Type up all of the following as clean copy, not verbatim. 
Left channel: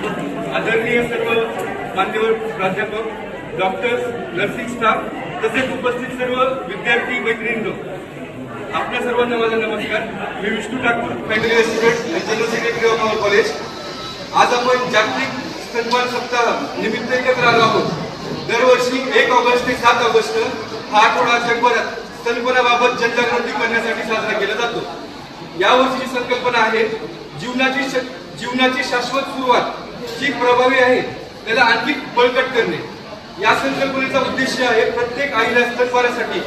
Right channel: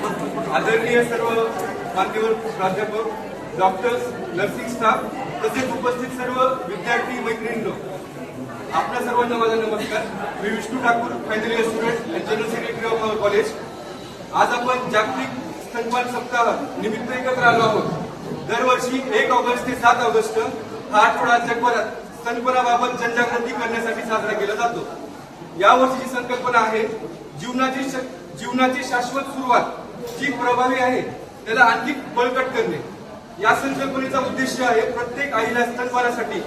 आदरणीय सर्व मान्यवर प्राध्यापक, डॉक्टर्स, नर्सिंग स्टाफ तसेच उपस्थित सर्व विद्यार्थी मैत्रिणींनो, आपल्या सर्वांना माझा नमस्कार. मी Vishnu Thakur, final year student, general secretary of our college. आज आपण जागतिक स्तनपान सप्ताह निमित्त एकत्र आलो आहोत. दरवर्षी 1 ऑगस्ट ते 7 ऑगस्ट हा आठवडा जगभरात स्तनपानाबाबत जनजागृती करण्यासाठी साजरा केला जातो. यावर्षीची संकल्पना आहे जीवनाची शाश्वत सुरुवात जी प्रभावी आहे त्याला आणखी बळकट करणे. या संकल्पनेचा उद्देश आहे प्रत्येक आईला स्तनपानासाठी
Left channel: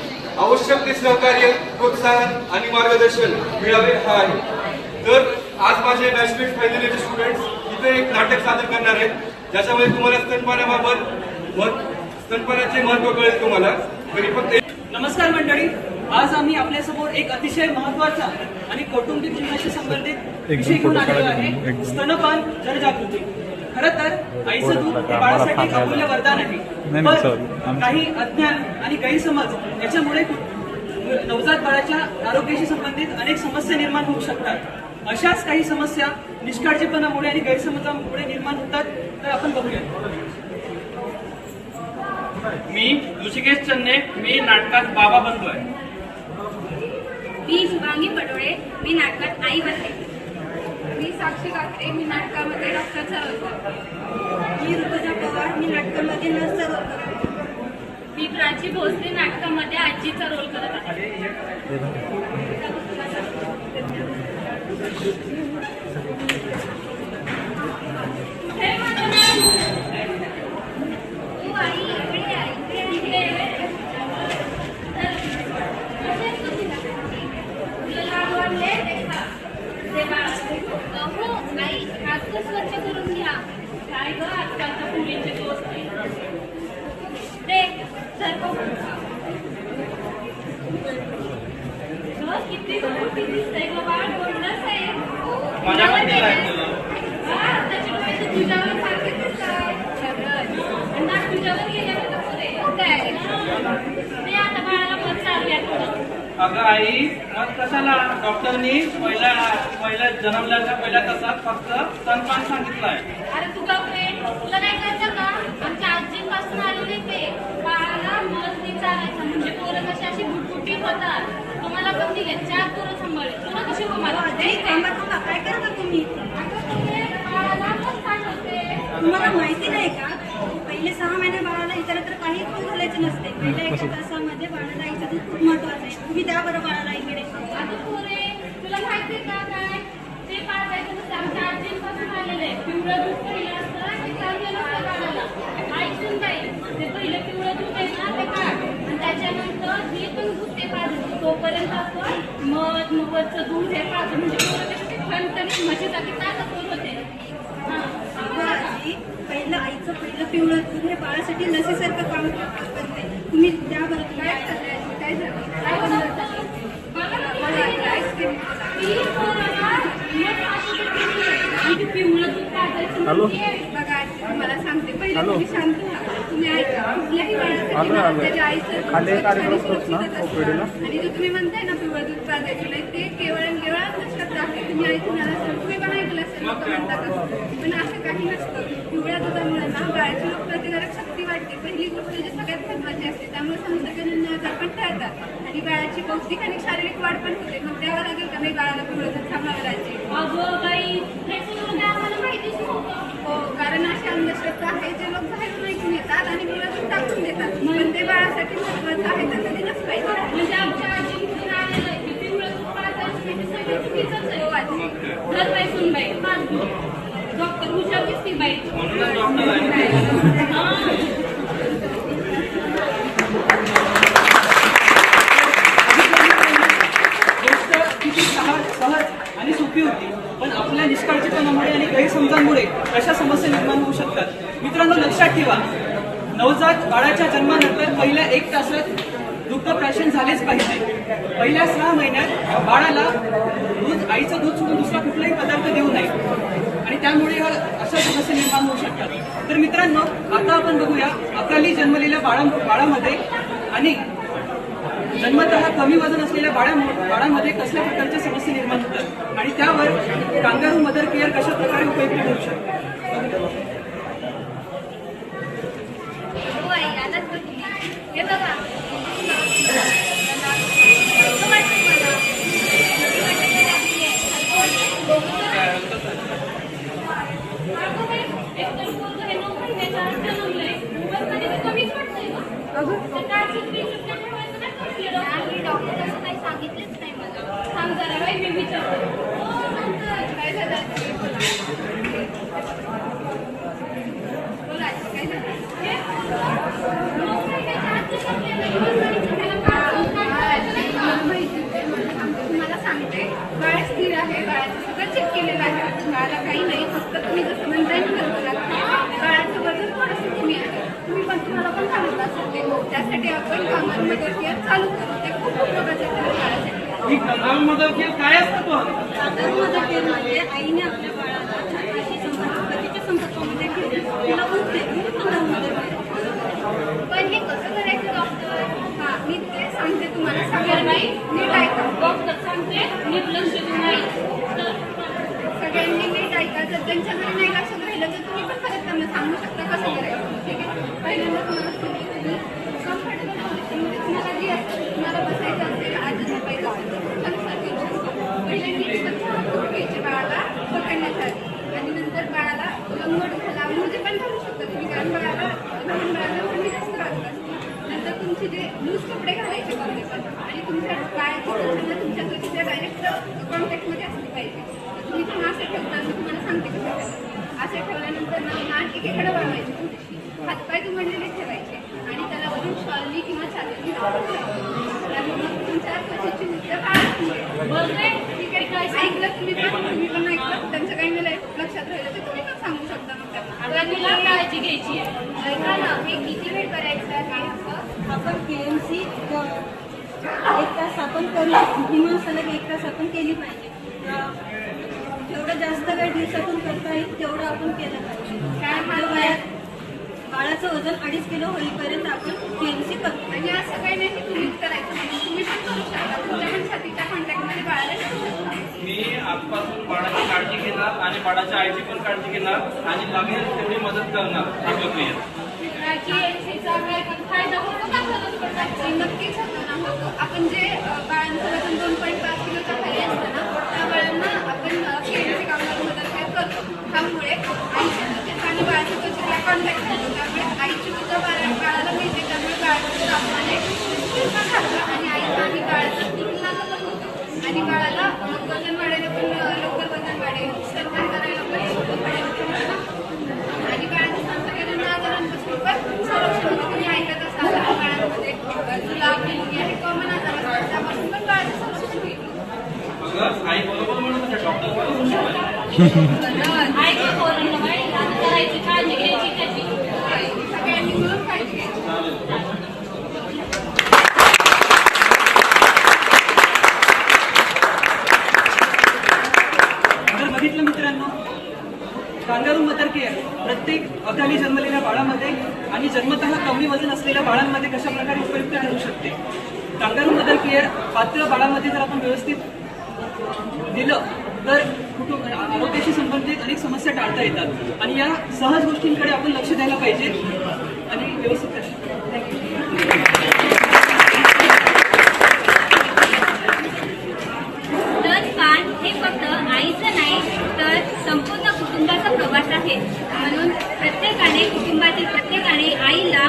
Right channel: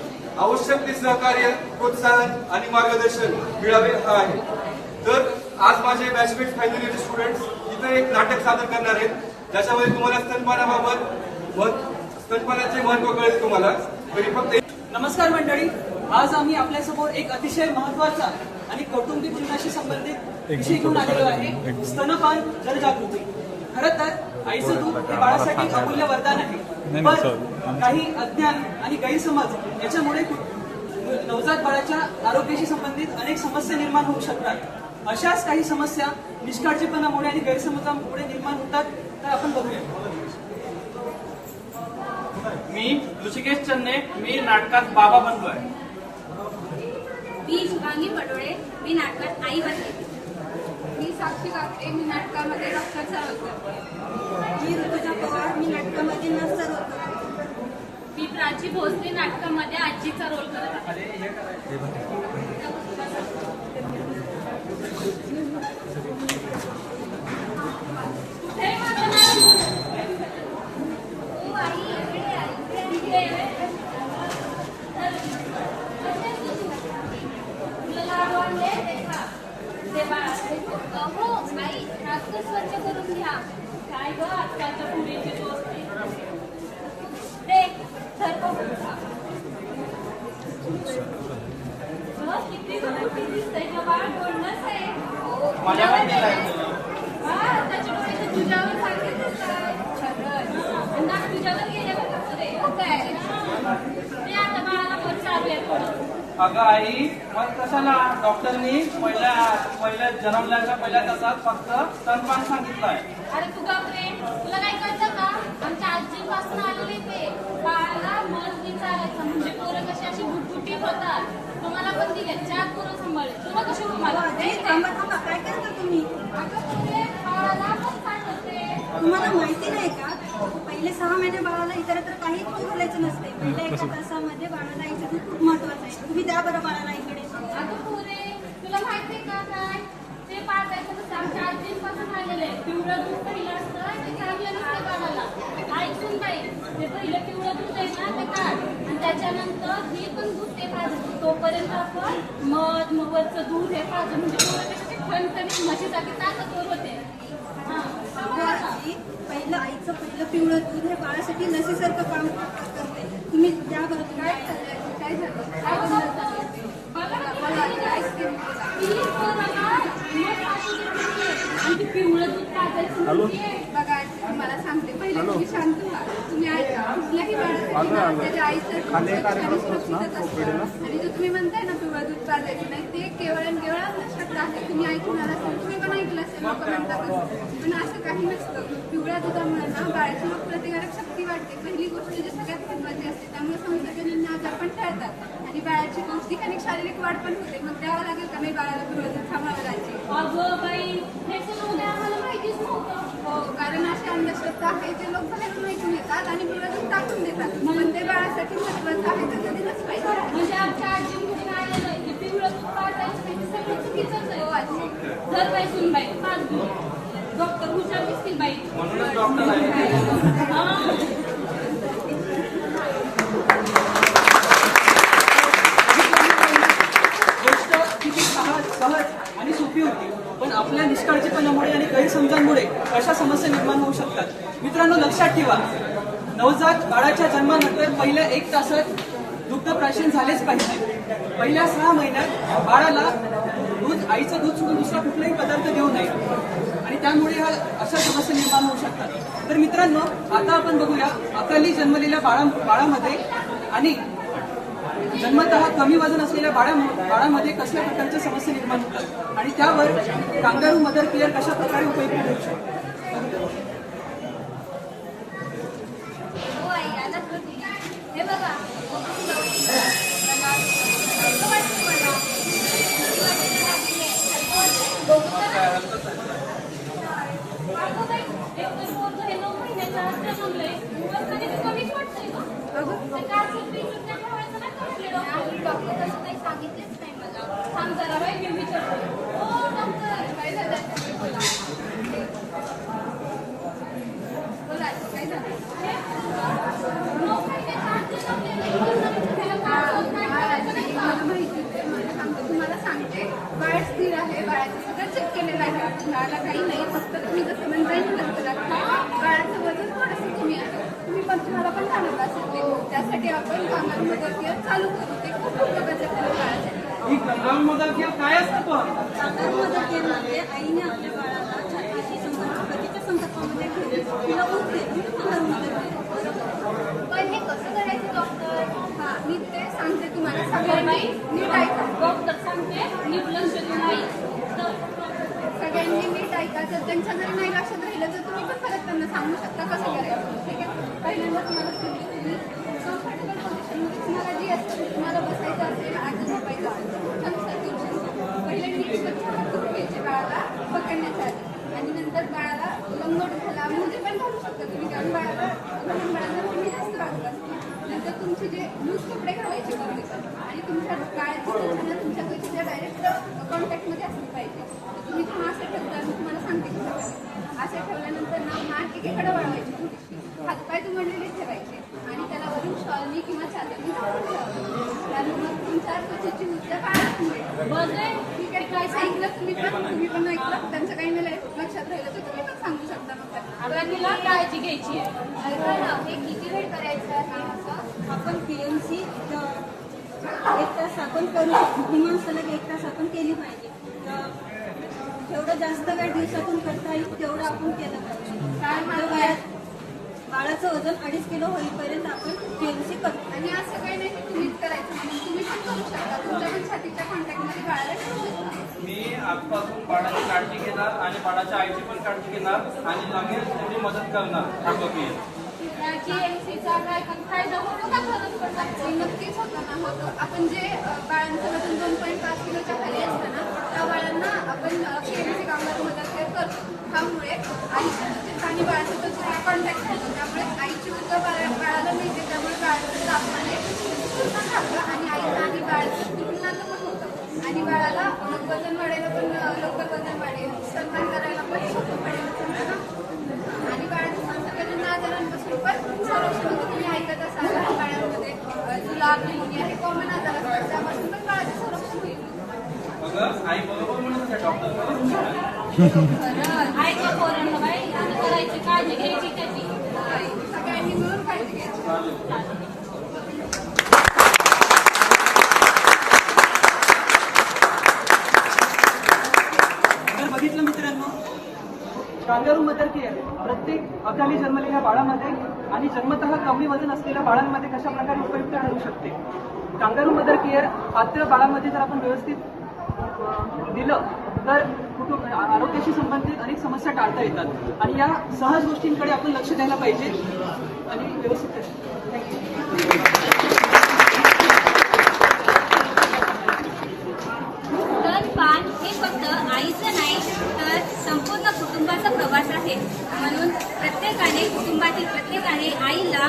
आवश्यक ते सहकार्य, प्रोत्साहन आणि मार्गदर्शन मिळावे हा आहे. तर आज माझे बॅचमेट फायनल इयर स्टुडंट्स इथे एक नाटक सादर करणार आहेत, ज्याच्यामध्ये तुम्हाला स्तनपानाचे महत्व कळेल. तुम्हाला फक्त नमस्कार मंडळी, आज आम्ही आपल्यासमोर एक अतिशय महत्वाचा आणि कौटुंबिक जीवनाशी संबंधित विषय घेऊन आलेलो आहे, स्तनपान जनजागृती. खरं तर आईचं दूध हे बाळासाठी एक अमूल्य वरदान आहे, पण काही अज्ञान आणि गैरसमज याच्यामुळे नवजात बाळाच्या आरोग्याशी संबंधित अनेक समस्या निर्माण होऊ शकतात. अशाच काही समस्या निष्काळजीपणामुळे आणि गैरसमजामुळे निर्माण होतात. तर आपण बघूया. मी ऋषिकेश चन्ने, मी नाटकात बाबा बनतोय. मी शुभांगी पडोळे, मी नाटकात आई बनते. मी साक्षी काकडे, मी नाटकामध्ये डॉक्टरचा रोल करते. मी ऋतुजा पवार, मी नाटकामध्ये नर्सचा रोल करते. मी प्राची भोसले, नाटकामध्ये आजीचा रोल करत आहे. आई हात स्वच्छ करून घ्या. काय ग आजकालच्या मुलींचे दोस्त किती मोठी दिसतंय ग बाळ, बोलणंच आहे. त्याच्या डोळ्याचे तुझ्यावर सारखे दिसतात. नाक तुझ्यावर गेल्यावर काय ते आता बाळाला पण चालूयात थोडं. अगं आई, मग कशाला डॉक्टरनी पहिल्या जन्मल्याच्या पहिल्या तासात फक्त स्तनपान सांगितलंय. अरे तुझा फ्रेंड तुला नाही कळतं का? आमच्या आजीपासून आलेले ते बाळाला मस्ती चालायचं म्हणजे पोरं कशी अशी बुटबुटी होतात. तुम्हाला पण ठीक आहे, 4 पोरं सांभाळले, तुला कशी तुम्हाला काय करता तुम्ही? बाळाला पण सांगते. तुम्हाला माहिती नाही का, पहिले 6 महिने बाळाला इतरत्र काही पण घालायचं नसते. पहिल्या 1 तासामध्ये बाळाला आईचं दूध खूप महत्वाचं आहे. तुम्ही द्या बरं बाळाला इकडे. अगं पोरे, तुला माहिती का काय ते पाळायचं नसतं. आमच्या आजीपासून आलेलं आहे. पिवळं दूध पहिलं असतं ते चांगलं नसतं बाळाला. ऐकून जाईल, ते पहिलं पिवळं दूध आहे ना ते काढ, आणि त्याच्यानंतर हे पण दूध ते पाळतो. तोपर्यंत आपण मधचं दूध हे पाळतो म्हणजे पोरं त्याच्यात खणखणीत म्हशीसाठी ताकदवर होते. पहिलं आईचं पिवळं दूध हे बाळासाठी लसीसारखं काम करते. तुम्ही द्या बरं. काय झालं? काय बनवलं? आणि पिवळं दूध पाजायचं. बघा, मला सांगते, पहिले तुम्ही शांत व्हा. तुम्ही ऐका, कुठल्याही बाळासाठी ना त्याच्या आईचं स्वच्छ आणि सुरक्षितच असतं. आणि जो तुम्ही म्हणताय ना पिवळं दूध पाजायचं नाही, ते केवळ अंधश्रद्धा आहे. तुम्ही ऐकून आला असेल, तुम्ही पण ऐकलं असेल, लोक म्हणतात. पण असं काही नसतं. पिवळ्या दुधामुळे ना बाळाची रोगप्रतिकारक शक्ती वाढते. पहिली गोष्ट जी सगळ्यात महत्वाची असते, त्यामुळे संसर्गजन्य आजार पण टाळतात आणि बाळाची पौष्टिक आणि शारीरिक वाढ पण होते. मग द्यावं लागेल का नाही बाळाला पिवळं दूध थांबवावं राहायची? अगं बाई, हे सगळं काय आम्हाला माहितीच नव्हतं. हो, कारण अशी अंधश्रद्धा आहे जे लोक बाहेरून ऐकून येतात आणि पिवळं दूध टाकून देतात. पण ते बाळासाठी महत्वाचं आहे, तर कधी दिलंच पाहिजे. म्हणजे आमच्या आजीकडून आलेलं आहे की पिवळं दूध पाजायचं नाही, ते सगळं चुकीचंच आहे. हो आजी. घर बाई सुन बाई पाच दूध. डॉक्टर हुशार दिसती बाई. म्हणूनच डॉक्टर आहे. गोष्ट किती सहज आणि सोपी होती, पण आपल्या निष्काळजीपणामुळे आणि गैरसमजांमुळे अशा समस्या निर्माण होऊ शकतात. मित्रांनो, लक्षात ठेवा, नवजात बाळाच्या जन्मानंतर पहिल्या 1 तासात दुग्धप्राशन झालेच पाहिजे. पहिल्या 6 महिन्यात बाळाला आईचं दूध सोडून दुसरा कुठलाही पदार्थ देऊ नये आणि त्यामुळे अशा समस्या निर्माण होऊ शकतात. तर मित्रांनो, आता आपण बघूया अकाली जन्मलेल्या बाळामध्ये आणि जन्मतः कमी वजन असलेल्या बाळामध्ये कसल्या प्रकारच्या समस्या निर्माण होतात आणि त्यावर कांगारू मदर केअर कशा प्रकारे उपयुक्त ठरू शकते. हो आई, आलात का तुम्ही? हे बघा. कसं वाटतं मला? किती वाटायला लागलीये? अगं बाई, एकतर पोरगं हे 9 महिन्याचं आज जन्मलंय. उगाचमध्ये मी कमीच वाटतंय गं. तर काय सुट्टी ठेवायचं नाही का म्हटले डॉक्टर? नाही, डॉक्टर असं काही सांगितलंच नाही मला. थांब जरा बाई, मी विचारते. हो, डॉक्टर, काय झालं? तुम्ही बोला. बोला, काय झालं? हे पोरगं 9 महिन्याचं आज जन्मलेलं आहे. उगाचमध्ये त्याला काय करायचं नाही का? मला माहिती आहे. तुम्हाला सांगते, बाळ स्थिर आहे, बाळाचं सगळं चेक केलेलं आहे. बाळाला काही नाही, फक्त तुम्ही जसं म्हणताय ना बाळाचं वजन थोडंसं कमी आहे. तुम्हाला पण सांगितलं असेल ते. त्यासाठी आपण कामाला मदत केअर चालू करू. ते खूप उपयोगाचं आहे बाळासाठी. ही कंगारू मदत केअर काय असतं पण? कांगारू मदर केअरमध्ये आईने आपल्या बाळाला छातीशी पतीच्या संपर्कामध्ये ठेवली तिला उठते कांगारू मदर केअर. पण हे कसं करायचं डॉक्टर? हा, मी ते सांगते तुम्हाला. तर सगळ्यांनी बाई, नीट ऐका. डॉक्टर सांगते, नीट लक्ष देऊन नाही. सगळ्यांनी नीट ऐका. जर त्यांच्या घरी नाही लक्षात राहिलं तर तुम्ही पण परत त्यांना सांगू शकता कसं करायचं. ठीक आहे? पहिल्यांदा तुम्हाला सांगते, तुम्ही कम्फर्टेबल पोझिशनमध्ये तुम्हाला जी असेल, तुम्हाला बसायचं असेल, आधी झोपायचं असेल, पहिल्यांदा स्वच्छ हात धुवून घ्यायचे बाळाला पकडण्याच्या आधी. आणि नंतर बाळाला लंगोट घाला, मोजे पण घालू शकता तुम्ही, कारण बाळाला लहान बाळाला थंडी जास्त लागत असते. नंतर तुमचे जे लूज कपडे घालायचे कपडे पण, आणि तुमच्या बाळाची संख्या तुमच्या त्वचेच्या डायरेक्ट कॉन्टॅक्टमध्ये असली पाहिजे. तुम्ही तुम्ही असं ठेवता, मी तुम्हाला सांगते कसं करायचं. असे ठेवल्यानंतर नाक एकीकडे वळवायची थोडीशी, हातपाय दुमडलेले ठेवायचे आणि त्याला वरून शॉलनी किंवा चादरनी झाकून ठेवायचं. आणि मग तुमच्या त्वचेची उद्या काळजी मिळेल. बघते, ठीक आहे, काय सांगितलं तुम्ही पण ऐकलं. त्यांचं काही नाही लक्षात राहिलं तर तुम्ही पण सांगू शकता मग त्यांना. आता तुला काळजी घ्यायची आहे. ऐका ना, हे किती वेळ करायचं आहे असं? आपण KMC 1 तास आपण करू शकतो. किमान सलग 1 तास आपण केली पाहिजे. जेवढं जास्त वेळ दिवसातून करता येईल तेवढं आपण केलं पाहिजे. काय आपल्या म्हणताय? वयात बाळाचं वजन 2.5 किलो होईपर्यंत आपण KMC करतो. आणि असं काही नाही की तुम्हीच करायचं म्हणून तुम्ही पण करू शकता. तुमच्या पण छातीच्या कॉन्टॅक्टमध्ये बाळाला ठेवू शकता. मी आजपासून बाळाची काळजी घेणार आणि बाळाच्या आईची पण काळजी घेणार आणि लागेल तेवढी मदत करणार आपलं क्लिअर. KMCचा काय पण फायदा होतो का खरंच पण? ते नक्कीच होतं ना, होतं. आपण जे बाळांचं वजन 2.5 किलोच्या खाली असतं ना, त्या बाळांना आपण KMC कामगार मदत करतो. त्यामुळे आईच्या त्वचेचा आणि बाळाच्या त्वचेचा कॉन्टॅक्ट होतो. त्यामुळे आईची सुद्धा बाळाला मिळते. त्यामुळे बाळाचं तापमाने पूर्ण खातं आणि आईचं आणि बाळाचं तुलनाचं पण होतं. आणि बाळाला वजन वाढायला पण लवकर वजन वाढेल, स्तनपान करायला पण सोपं पडेल तुम्हाला. आणि बाळाच्या संसर्गजन्य आजारांपासून पण संरक्षण होतं. तुम्ही ऐकत असाल लहान बाळांमध्ये जुलाब, निमोनिया हे कॉमन आजार असतात. त्यापासून पण बाळाचं संरक्षण होईल. बघा आई बरोबर म्हणत होत्या डॉक्टर. ऐका पोरांना बाई, आता करायची काळजी घ्यायची त्याची. सगळ्यांनी मिळून काळजी घ्यायची. जर बघितलं मित्रांनो, कांगारू मदर केअर प्रत्येक अवधानी जन्मलेल्या बाळामध्ये आणि जन्मतः कमी वजन असलेल्या बाळांमध्ये कशा प्रकारे उपयुक्त ठरू शकते. कांगारू मदर केअर पात्र बाळामध्ये जर आपण व्यवस्थित दिलं तर आरोग्याशी संबंधित अनेक समस्या टाळता येतात आणि या सहज गोष्टींकडे आपण लक्ष द्यायला पाहिजे आणि व्यवस्थित थँक्यू. स्तनपान हे फक्त आईचं नाही तर संपूर्ण कुटुंबाचा प्रवास आहे. म्हणून कुटुंबातील प्रत्येकाने आईला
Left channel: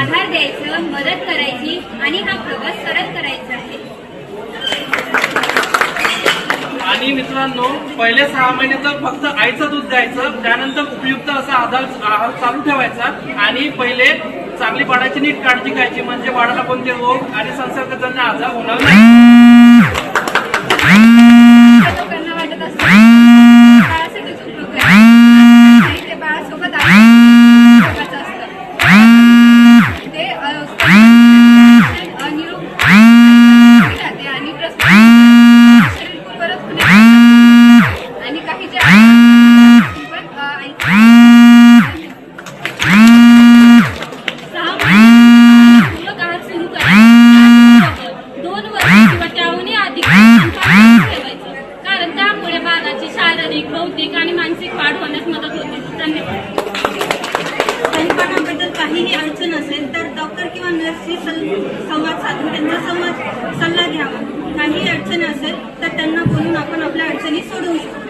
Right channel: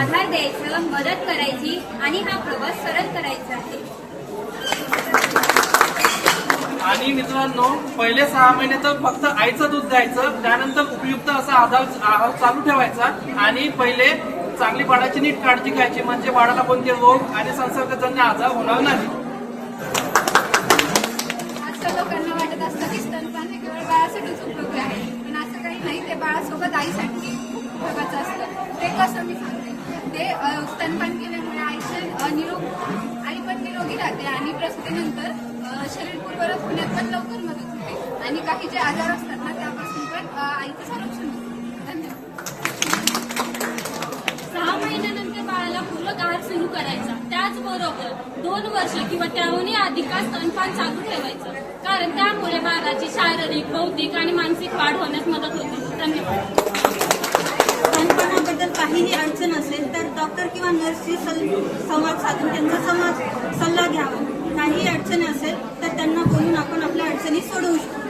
आधार द्यायचं, मदत करायची आणि हा प्रवास सरळ करायचा आहे. आणि मित्रांनो, पहिले 6 महिने तर फक्त आईचं दूध द्यायचं, त्यानंतर उपयुक्त असा आहार चालू ठेवायचा आणि पहिले चांगली बाळाची नीट काळजी घ्यायची, म्हणजे बाळाला कोणते रोग आणि संसर्गजन्य आजार होणार नाही. लोकांना वाटत असतं बाळासाठीच उपयोग नाही, ते बाळासोबत उपयोगाचं असतं. ते निरोगी राहते आणि शरीर पूर्वरच आणि काही जे आजार पण 6 महिन्यानंतर पूर्ण आहार सुरू करा. त्याचबरोबर 2 वर्ष किंवा शारीरिक बौद्धिक आणि मानसिक वाढ होण्यास मदत होते. धन्यवाद. स्तनपानाबद्दल काहीही अडचण असेल तर डॉक्टर किंवा नर्सशी संवाद साधून त्यांचा सल्ला घ्यावा. काही अडचण असेल तर त्यांना बोलून आपण आपल्या अडचणी सोडवू शकतो.